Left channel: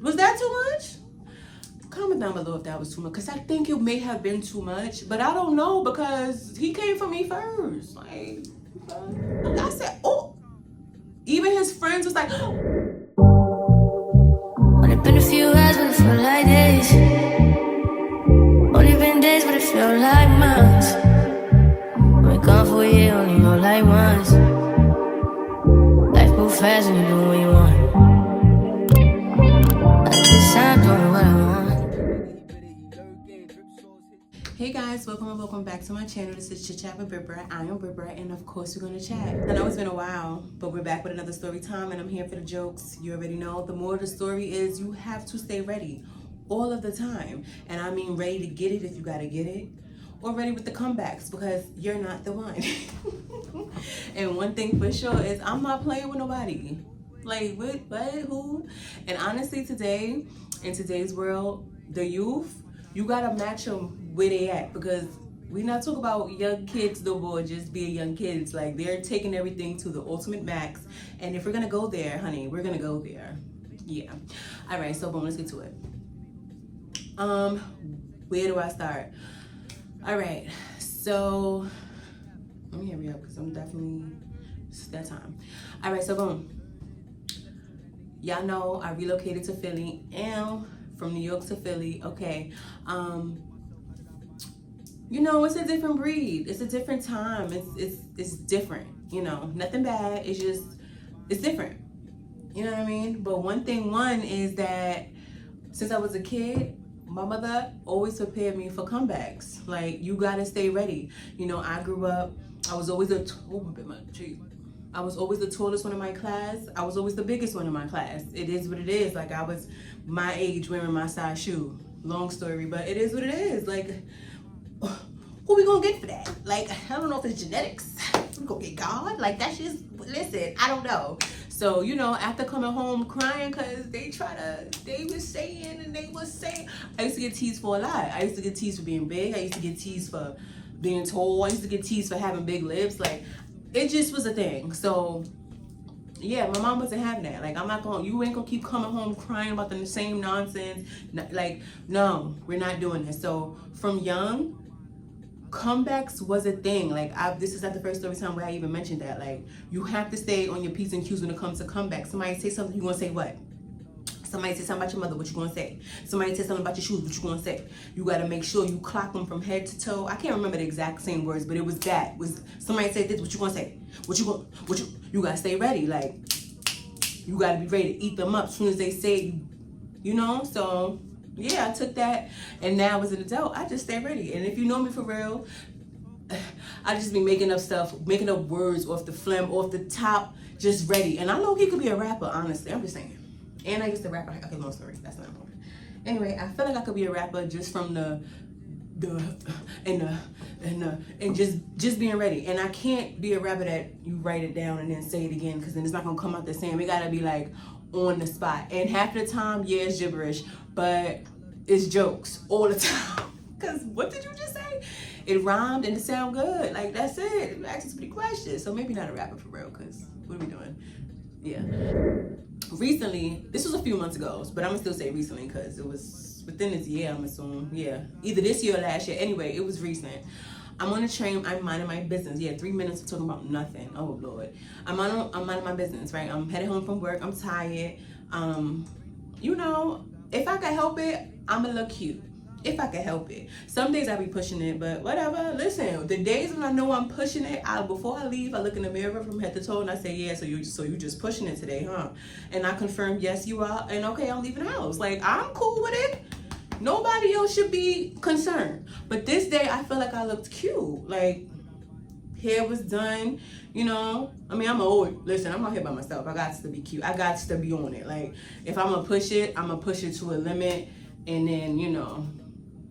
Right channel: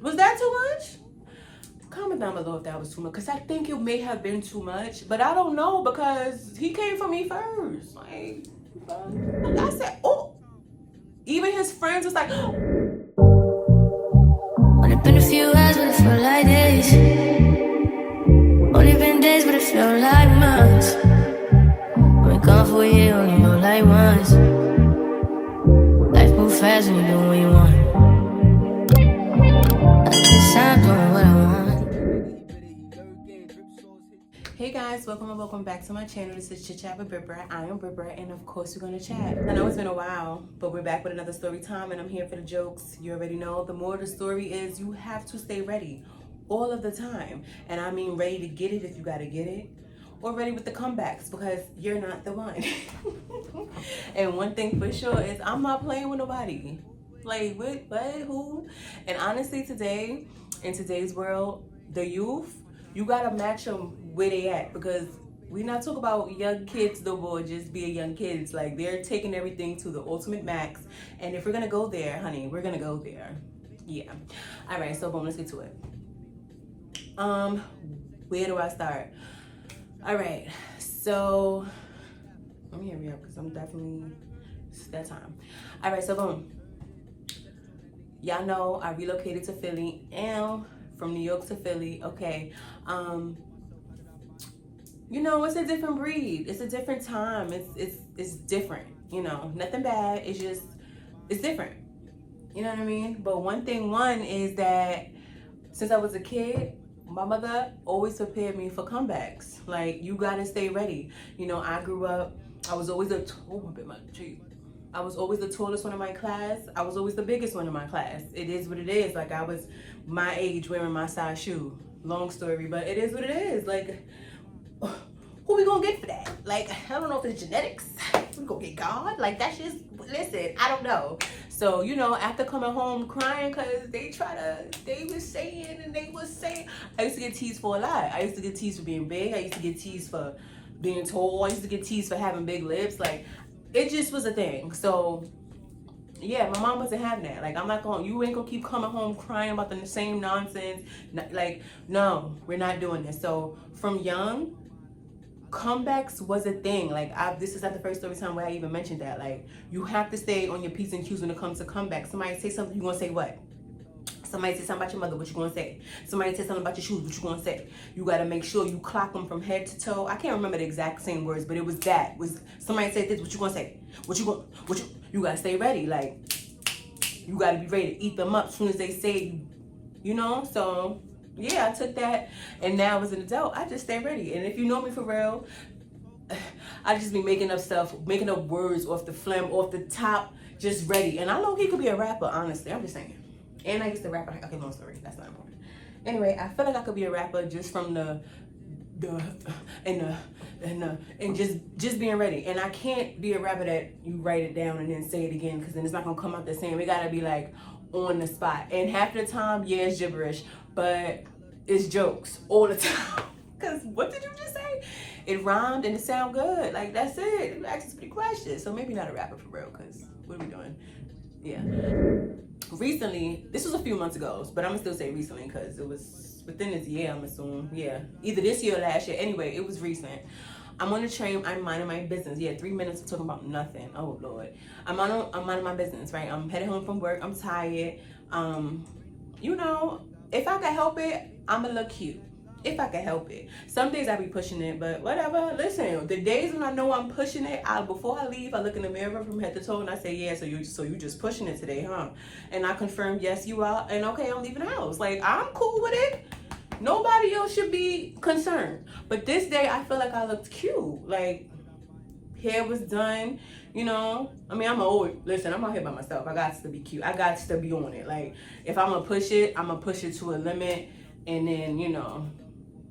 Was that too much? Comment down below if that was too much, because I think it may have been too much, but I don't know because he came for me first. Like, I said, oh, even his friends was like, Only been a few hours, but it felt like days. Only been days, but it felt like months. Been gone for a year, only know like once. Life moves fast when you do what you want. At this time, doing what I want. hey guys, welcome and welcome back to my channel. This is Chit with Brat. I am Brat, and of course we're gonna chat. I know it's been a while, but we're back with another story time, and I'm here for the jokes. You already know. The more the story is, you have to stay ready all of the time, and I mean ready to get it if you gotta get it, or ready with the comebacks because you're not the one. And one thing for sure is I'm not playing with nobody. Like what? Who? And honestly, today in today's world, the youth, you gotta match them where they at, because we not talk about young kids no more, just being young kids. Like, they're taking everything to the ultimate max, and if we're gonna go there, honey, we're gonna go there. Yeah. All right, so boom, let's get to it. Where do I start? All right, so let me hurry up because I'm definitely, it's that time. All right, so boom, y'all know I relocated to Philly, and from New York to Philly. Okay, you know, it's a different breed, it's a different time, it's different, you know, nothing bad, it's just, it's different, you know what I mean? But one is that since I was a kid, my mother always prepared me for comebacks. Like, you gotta stay ready. You know, I grew up, I was always I was always the tallest one in my class. I was always the biggest one in my class. It is what it is. Like, I was my age wearing my size shoe. Long story, but it is what it is. Like, who we gonna get for that? Like, I don't know if it's genetics. We gonna get God? Like, that's just, listen, I don't know. So, you know, after coming home crying because they was saying, I used to get teased for a lot. I used to get teased for being big. I used to get teased for being tall. I used to get teased for having big lips. Like, it just was a thing. So, yeah, my mom wasn't having that. Like, you ain't gonna keep coming home crying about the same nonsense. Like, no, we're not doing this. So, from young, comebacks was a thing. Like, this is not the first story time where I even mentioned that. Like, you have to stay on your P's and Q's when it comes to comebacks. Somebody say something, you gonna say what? Somebody say something about your mother, what you gonna say? Somebody say something about your shoes, what you gonna say? You gotta make sure you clock them from head to toe. I can't remember the exact same words, but it was that. Was somebody say this, what you gonna say? You gotta stay ready. Like, you gotta be ready to eat them up as soon as they say, you know? So yeah, I took that, and now as an adult, I just stay ready. And if you know me for real, I just be making up stuff, making up words off the phlegm, off the top, just ready. And I know he could be a rapper, honestly. I'm just saying. And I used to rap. Okay, long story. That's not important. Anyway, I feel like I could be a rapper just from and just being ready. And I can't be a rapper that you write it down and then say it again, because then it's not gonna come out the same. We gotta be like on the spot. And half the time, yeah, it's gibberish, but it's jokes all the time. Cause what did you just say? It rhymed and it sound good. Like, that's it. You asked us pretty questions. So maybe not a rapper for real, cause what are we doing? Yeah. Recently, this was a few months ago, but I'm gonna still say recently because it was within this year, I'm assuming. Yeah, either this year or last year. Anyway, it was recent. I'm on the train, I'm minding my business. Yeah, 3 minutes of talking about nothing. Oh Lord. I'm minding my business, right? I'm headed home from work, I'm tired. You know, if I could help it, I'ma look cute. If I can help it. Some days I be pushing it, but whatever. Listen, the days when I know I'm pushing it, before I leave, I look in the mirror from head to toe and I say, yeah, so you just pushing it today, huh? And I confirm, yes, you are. And okay, I'm leaving the house. Like, I'm cool with it. Nobody else should be concerned. But this day, I feel like I looked cute. Like, hair was done, you know. I mean, I'm out here by myself. I got to be cute. I got to be on it. Like, if I'm gonna push it, I'm gonna push it to a limit. And then, you know,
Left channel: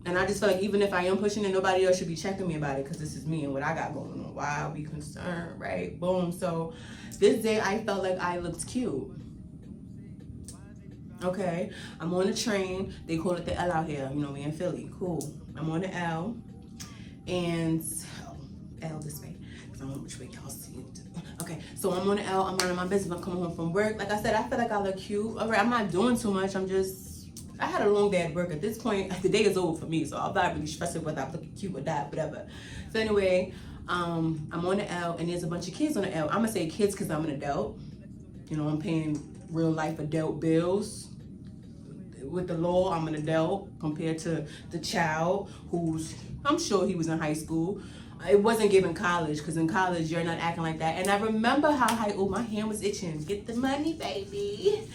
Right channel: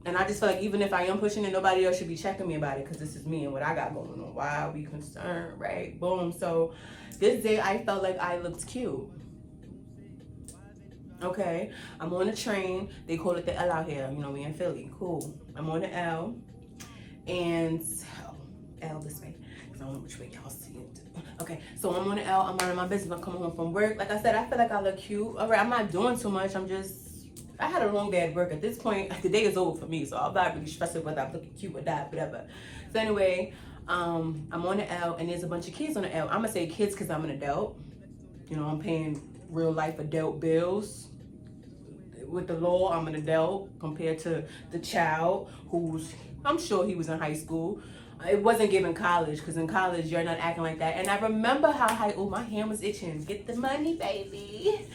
and I just feel like even if I am pushing it, nobody else should be checking me about it, because this is me and what I got going on. Why are we concerned, right? Boom. So this day I felt like I looked cute. Okay, I'm on the train. They call it the L out here. You know, we in Philly. Cool. I'm on the L, and L this way. because I don't know which way y'all see it. Okay, so I'm on the L, I'm minding my business, I'm coming home from work. Like I said, I feel like I look cute. All right, I'm not doing too much, I had a long day at work. At this point, the day is over for me, so I'm not really stressing whether I'm looking cute or not, whatever. So anyway, I'm on the L, and there's a bunch of kids on the L. I'm gonna say kids because I'm an adult. You know, I'm paying real life adult bills. With the law, I'm an adult compared to the child who's, I'm sure he was in high school. It wasn't given college, because in college you're not acting like that. And I remember how my hand was itching. Get the money, baby.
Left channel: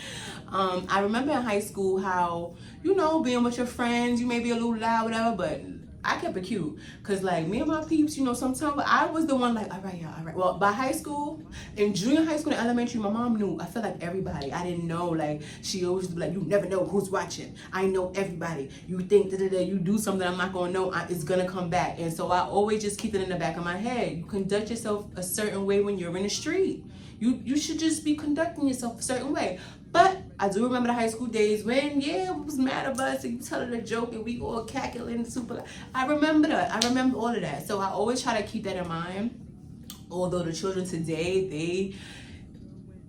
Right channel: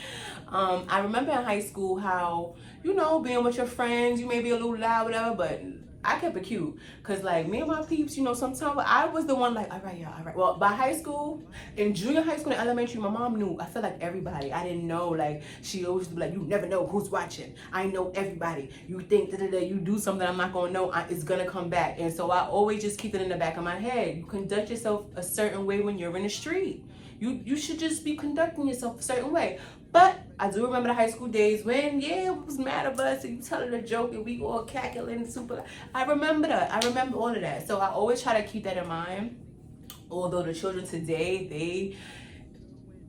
I remember in high school how, you know, being with your friends, you may be a little loud, whatever, but I kept it cute. Cause like me and my peeps, you know, sometimes I was the one like, all right, y'all, all right. Well, by high school, in junior high school and elementary, my mom knew. I feel like everybody. I didn't know. Like she always be like, you never know who's watching. I know everybody. You think that you do something I'm not gonna know, it's gonna come back. And so I always just keep it in the back of my head. You conduct yourself a certain way when you're in the street. You should just be conducting yourself a certain way. But I do remember the high school days when, yeah, it was mad of us and you telling a joke and we all cackling super. I remember that. I remember all of that. So I always try to keep that in mind. Although the children today,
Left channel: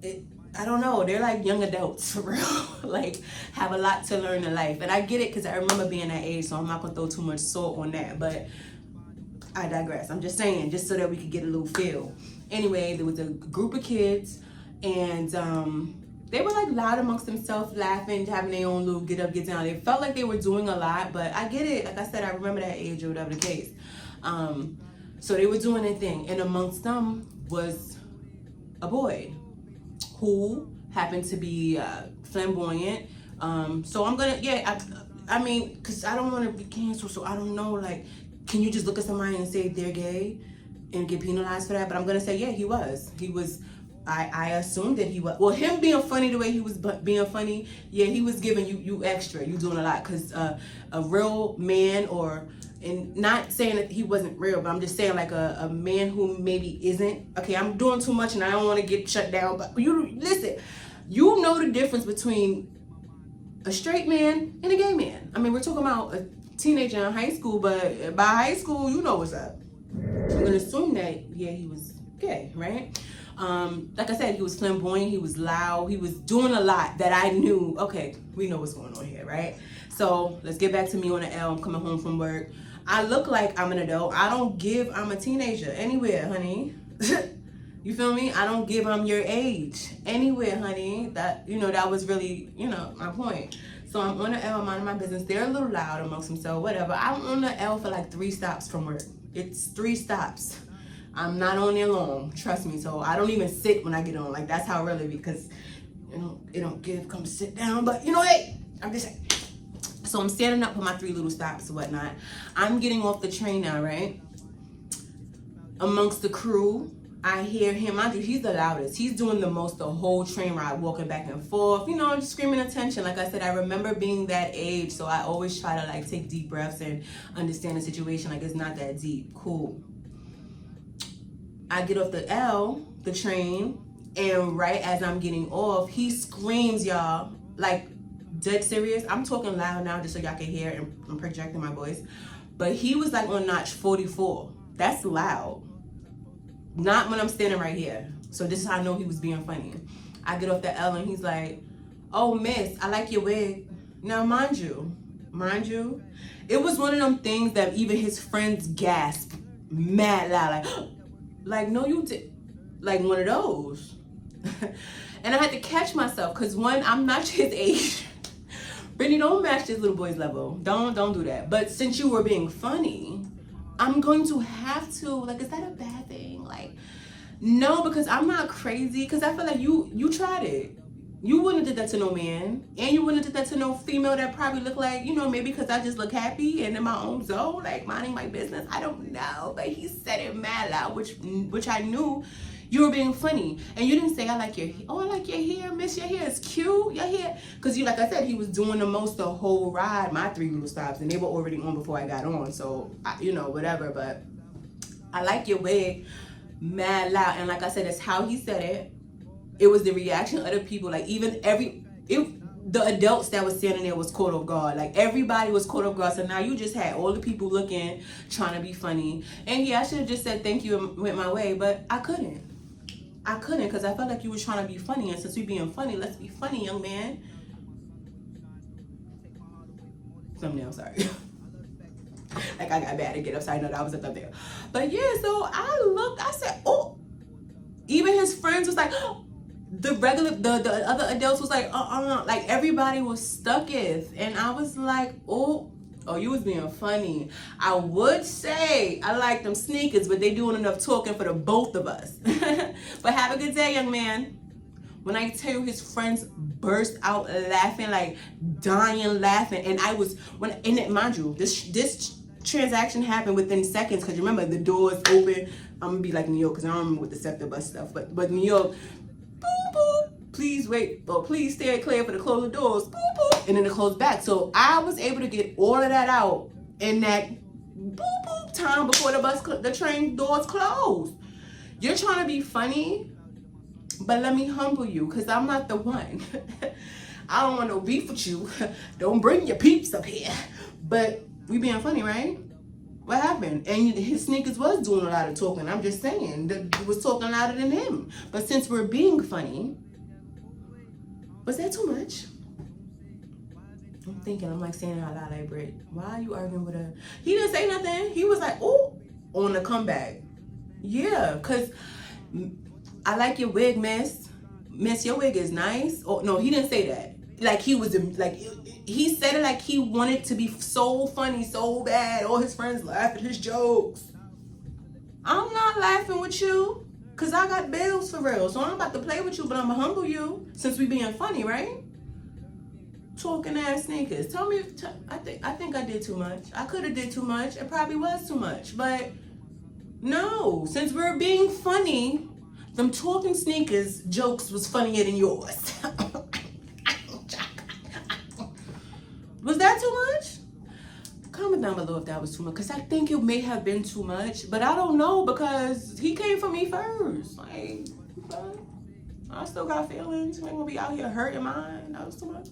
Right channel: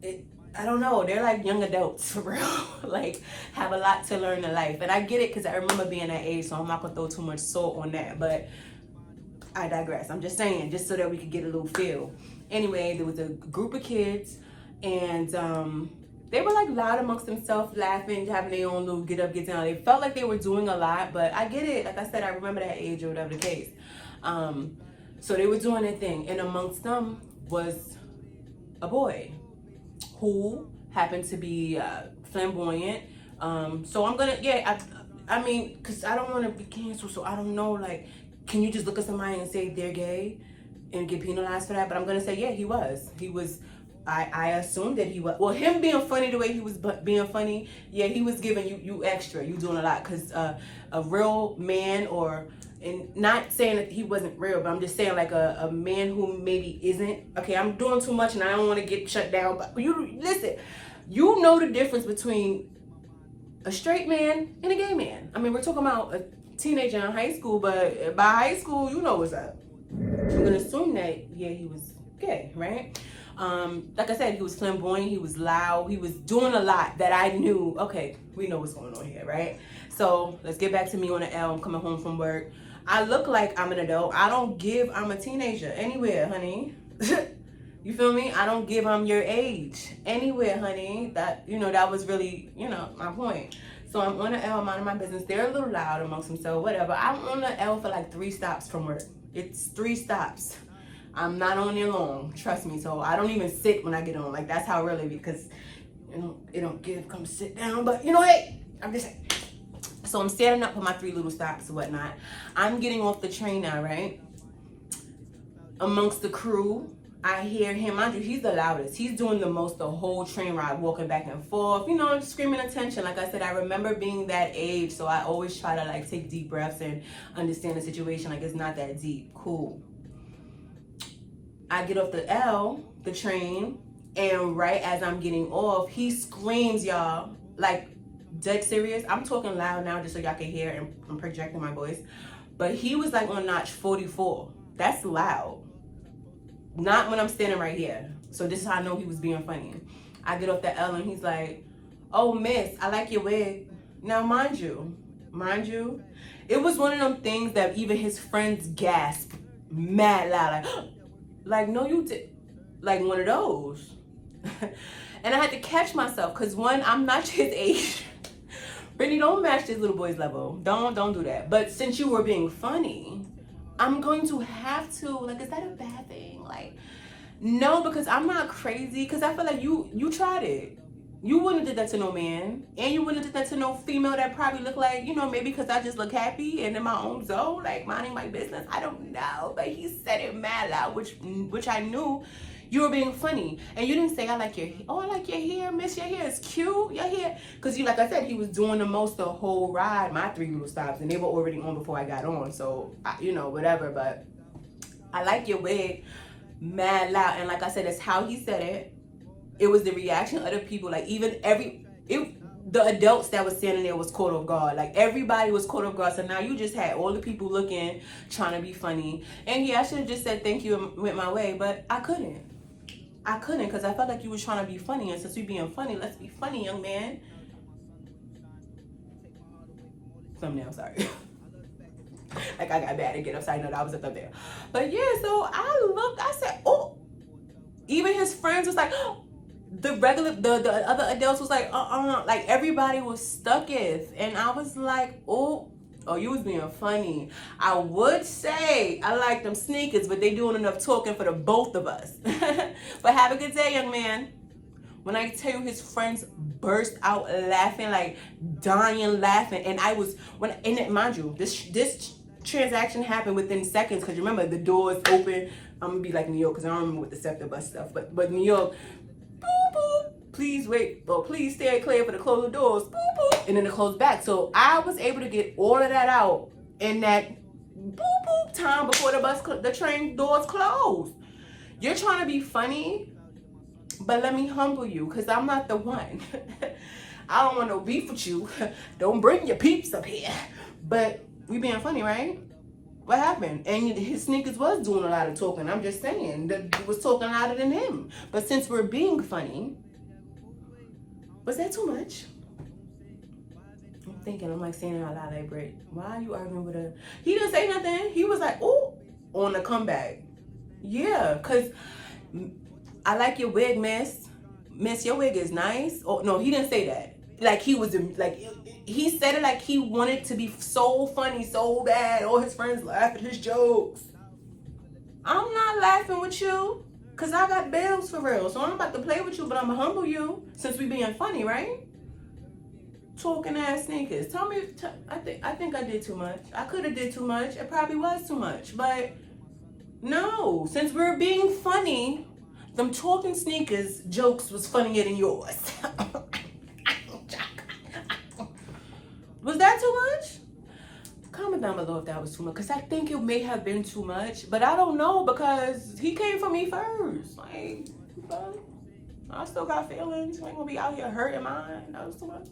I don't know, they're like young adults for real. Like have a lot to learn in life. And I get it because I remember being that age, so I'm not gonna throw too much salt on that. But I digress. I'm just saying, just so that we could get a little feel. Anyway, there was a group of kids and they were like loud amongst themselves, laughing, having their own little get up, get down. They felt like they were doing a lot, but I get it. Like I said, I remember that age or whatever the case. So they were doing their thing, and amongst them was a boy who happened to be flamboyant. So I'm gonna, I mean, cause I don't want to be canceled, so I don't know, like, can you just look at somebody and say they're gay and get penalized for that? But I'm gonna say, yeah, he was. I assumed that he was. Well, him being funny the way he was being funny, yeah, he was giving you extra. You doing a lot, cause a real man, and not saying that he wasn't real, but I'm just saying like a man who maybe isn't. Okay, I'm doing too much and I don't want to get shut down. But you listen, you know the difference between a straight man and a gay man. I mean, we're talking about a teenager in high school, but by high school, you know what's up. I'm gonna assume that, yeah, he was gay, right? Like I said, he was flamboyant, he was loud, he was doing a lot that I knew, okay, we know what's going on here, right? So let's get back to me on the L. I'm coming home from work. I look like I'm an adult. I don't give I'm a teenager anywhere, honey. You feel me? I don't give I'm your age anywhere, honey. That, you know, that was really, you know, my point. So I'm on the L, I'm minding my business. They're a little loud amongst themselves, whatever. I'm on the L for like 3 stops from work. It's 3 stops. I'm not on there long, trust me. So I don't even sit when I get on. Like, that's how really, because you know, it don't give, come sit down. But you know, hey, I'm just saying. So I'm standing up for my 3 little stops and whatnot. I'm getting off the train now, right? Amongst the crew, I hear him. Mind you, he's the loudest. He's doing the most the whole train ride, walking back and forth, you know, screaming attention. Like I said, I remember being that age, so I always try to like take deep breaths and understand the situation. Like, it's not that deep. Cool. I get off the L, the train, and right as I'm getting off, he screams, y'all, like dead serious. I'm talking loud now just so y'all can hear, and I'm projecting my voice. But he was like on notch 44. That's loud. Not when I'm standing right here. So this is how I know he was being funny. I get off the L and he's like, oh, miss, I like your wig. Now, mind you, it was one of them things that even his friends gasped mad loud, like no, you did, like one of those. And I had to catch myself, because one, I'm not his age. Brittany, don't match this little boy's level. Don't do that. But since you were being funny, I'm going to have to, like, is that a bad thing? Like, no, because I'm not crazy. Because I feel like you tried it. You wouldn't have did that to no man. And you wouldn't have did that to no female that probably look like, you know, maybe because I just look happy and in my own zone, like minding my business. I don't know. But he said it mad loud, which I knew you were being funny. And you didn't say, I like your hair. Oh, I like your hair, miss. Your hair is cute. Your hair. Because, you, like I said, he was doing the most the whole ride, my 3 little stops. And they were already on before I got on. So, you know, whatever. But I like your wig mad loud. And like I said, that's how he said it. It was the reaction of other people. Like, even the adults that was standing there was caught off guard. Like everybody was caught off guard. So now you just had all the people looking, trying to be funny. And yeah, I should have just said thank you and went my way, but I couldn't because I felt like you were trying to be funny. And since we being funny, let's be funny, young man. Thumbnail, sorry. Like I got mad and get upside down. I was up there. But yeah, so I looked, I said, oh, even his friends was like, the other adults was like, like everybody was stuck it. And I was like, oh, you was being funny. I would say I like them sneakers, but they doing enough talking for the both of us. But have a good day, young man. When I tell you his friends burst out laughing, like dying laughing. And I was, mind you, this transaction happened within seconds, because remember the doors open. I'm gonna be like New York because I don't remember with the SEPTA bus stuff, but New York, boop boop, please wait, or please stay clear for the close the doors, boop boop, and then it closed back. So I was able to get all of that out in that boop boop time before the train doors closed. You're trying to be funny, but let me humble you, because I'm not the one. I don't want no beef with you. Don't bring your peeps up here. But we being funny, right? What happened? And his sneakers was doing a lot of talking. I'm just saying that it was talking louder than him. But since we're being funny, was that too much? I'm thinking, I'm like saying it out loud, like, Brit, why are you arguing with her? He didn't say nothing. He was like, oh, on the comeback. Yeah, because I like your wig, miss. Miss, your wig is nice. Oh, no, he didn't say that. Like he was, like, he said it like he wanted to be so funny, so bad. All his friends laugh at his jokes. I'm not laughing with you, because I got bills for real. So I'm about to play with you, but I'm going to humble you since we being funny, right? Talking ass sneakers. Tell me, I think I did too much. I could have did too much. It probably was too much. But no, since we're being funny, them talking sneakers jokes was funnier than yours. Was that too much? Comment down below if that was too much, because I think it may have been too much, but I don't know, because he came for me first. Like, I still got feelings. I ain't gonna be out here hurting mine. That was too much.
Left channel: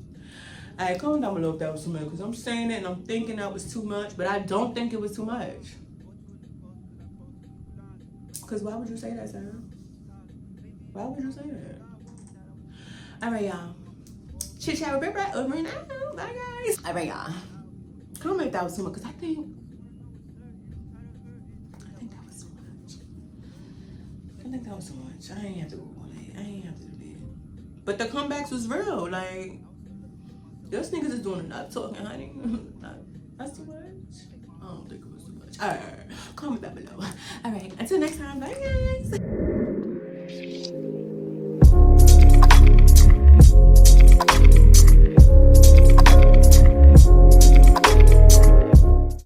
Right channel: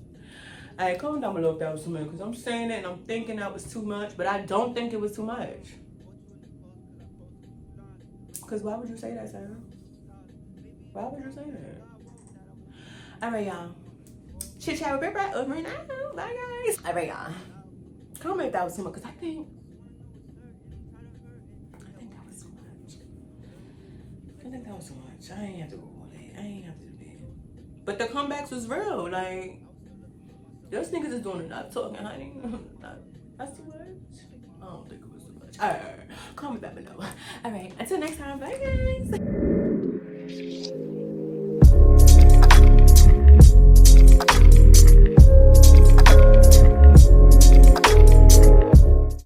All right, comment down below if that was too much, because I'm saying it and I'm thinking that was too much, but I don't think it was too much. Because why would you say that, Sarah? Why would you say that? All right, y'all. Chit chat with Brat over and out. Bye, guys. All right, y'all. Comment if that was too much, because I think that was too much. I think that was too much. I ain't have to go on it. I ain't have to do that. But the comebacks was real. Like, those niggas is doing enough talking, honey. That's too much. I don't think it was too much. All right. Comment down below. All right. Until next time. Bye, guys.